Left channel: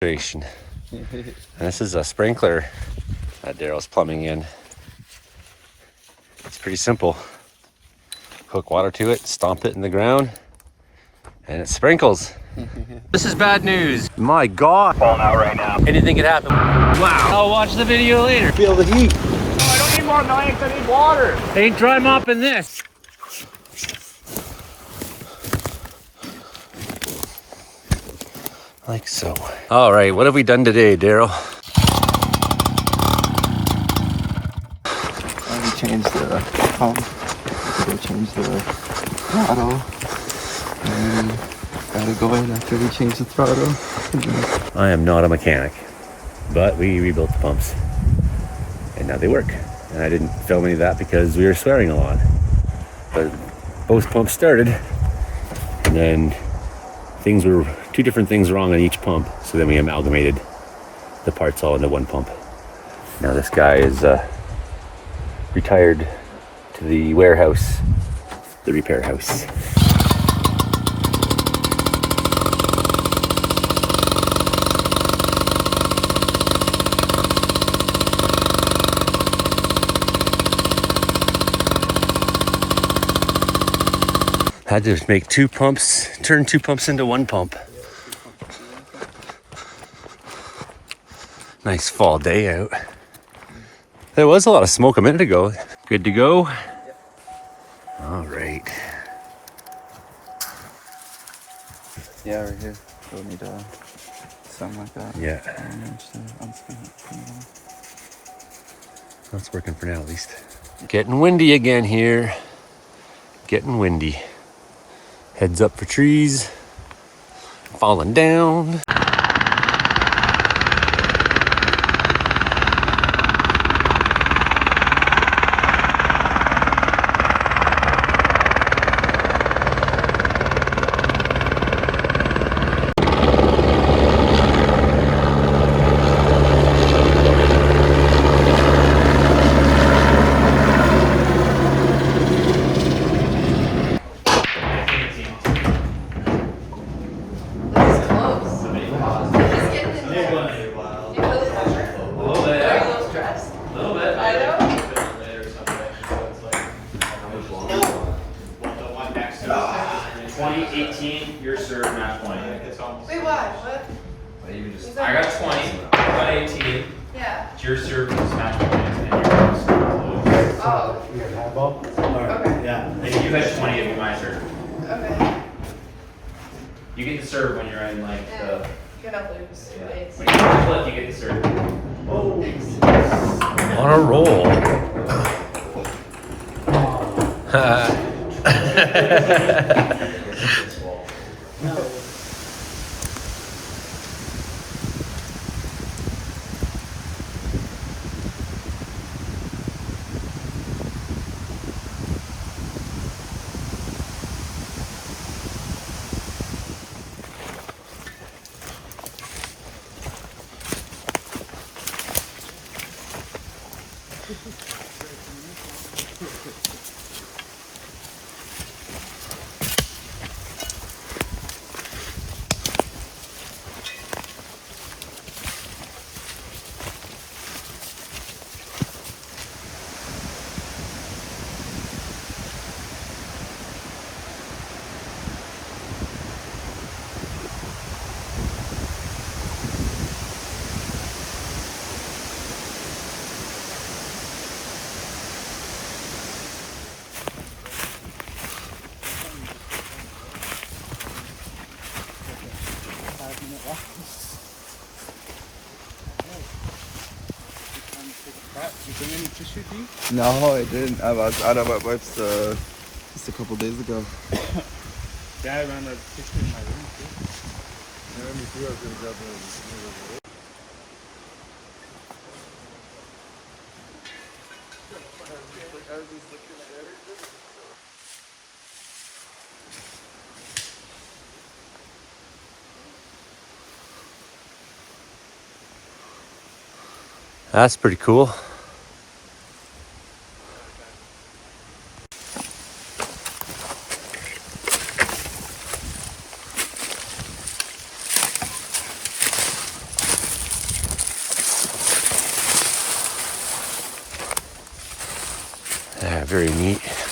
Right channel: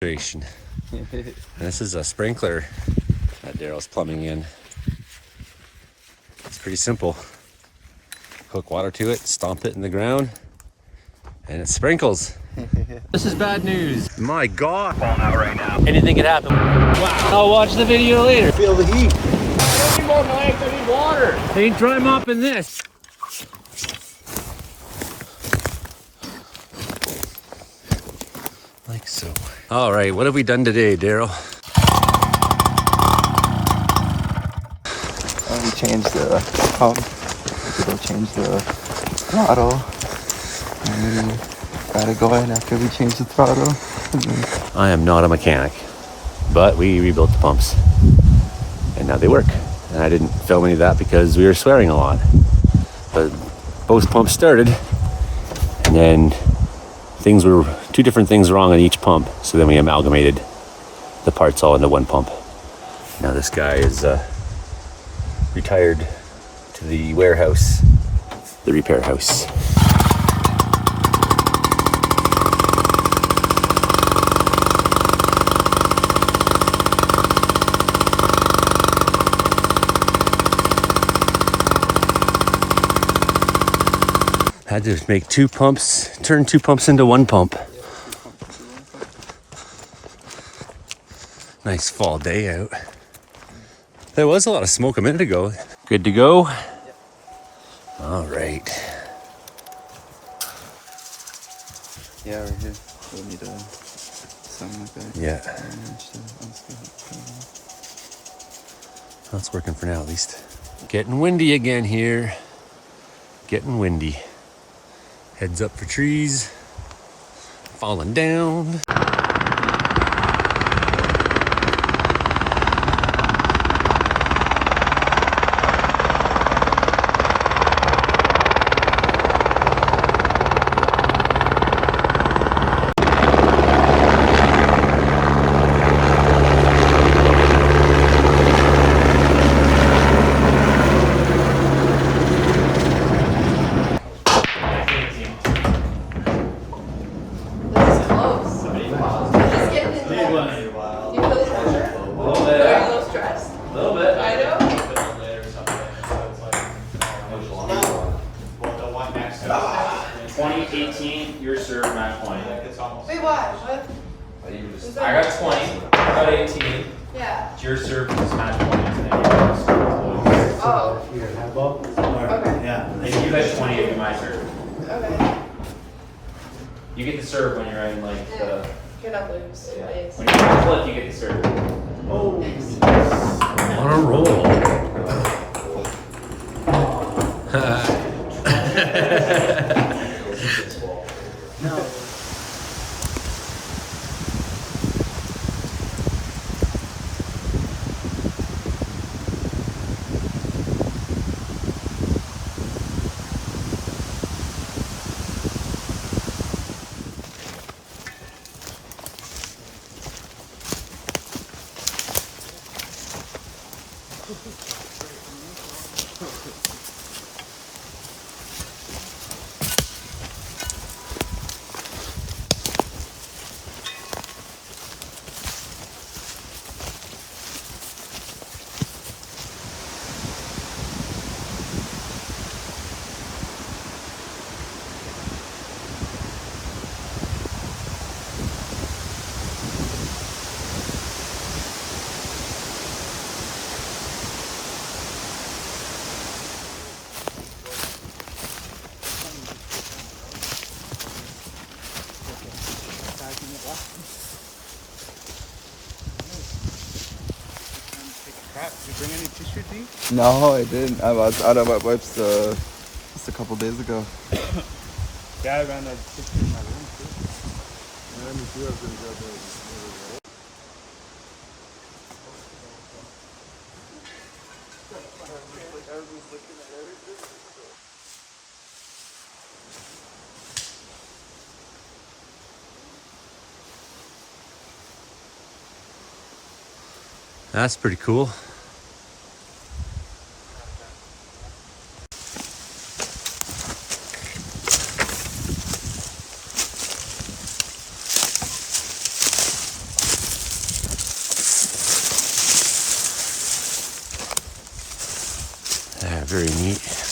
And this is a sprinkler that Daryl's plumbing in. It's pretty simple. Hook water to it, stomp it in the ground, and it sprinkles. This is bad news. My God. Falling out right now. Anything could happen. Wow. I'll watch the video later. Feel the heat. I need more legs, I need water. Ain't dry mopping this. Like so. All right, what have we done today, Daryl? We changed the pump. We'll change the throttle. And we got it going after we changed the throttle. I am not a mechanic, but we rebuilt the pumps and now they work. And I didn't film any of that because we were swearing a lot. But both pumps started, and then two different things wrong on each pump. So then we amalgamated the parts all into one pump. Now this guy is retired to the warehouse, the repair house. Had to make turn two pumps into one pump. Nice fall day out. There was a lot of smoke a minute ago. Good to go? All right. Yeah, right here. We'll need something like that. Yeah. That's working for now, at least. Getting windy again here. Getting windy. Heads up for trees. Falling down. Your serve match point. Wait, why? What? I got 20, I got 18. Yeah. It's your serve is match point, and then your serve. Oh. Okay. Yeah. And you got 20 of my serve. Okay. You get the serve when you're in like the. You're not lose. Yeah. Days. Well, you get the serve. Oh. On a roll. Did you bring any tissue, D? No, I didn't. I was out of my wipes just a couple days ago. Yeah, I ran that picture in my room too. Yeah, me too. I was gonna grab the That's pretty cool. Very neat.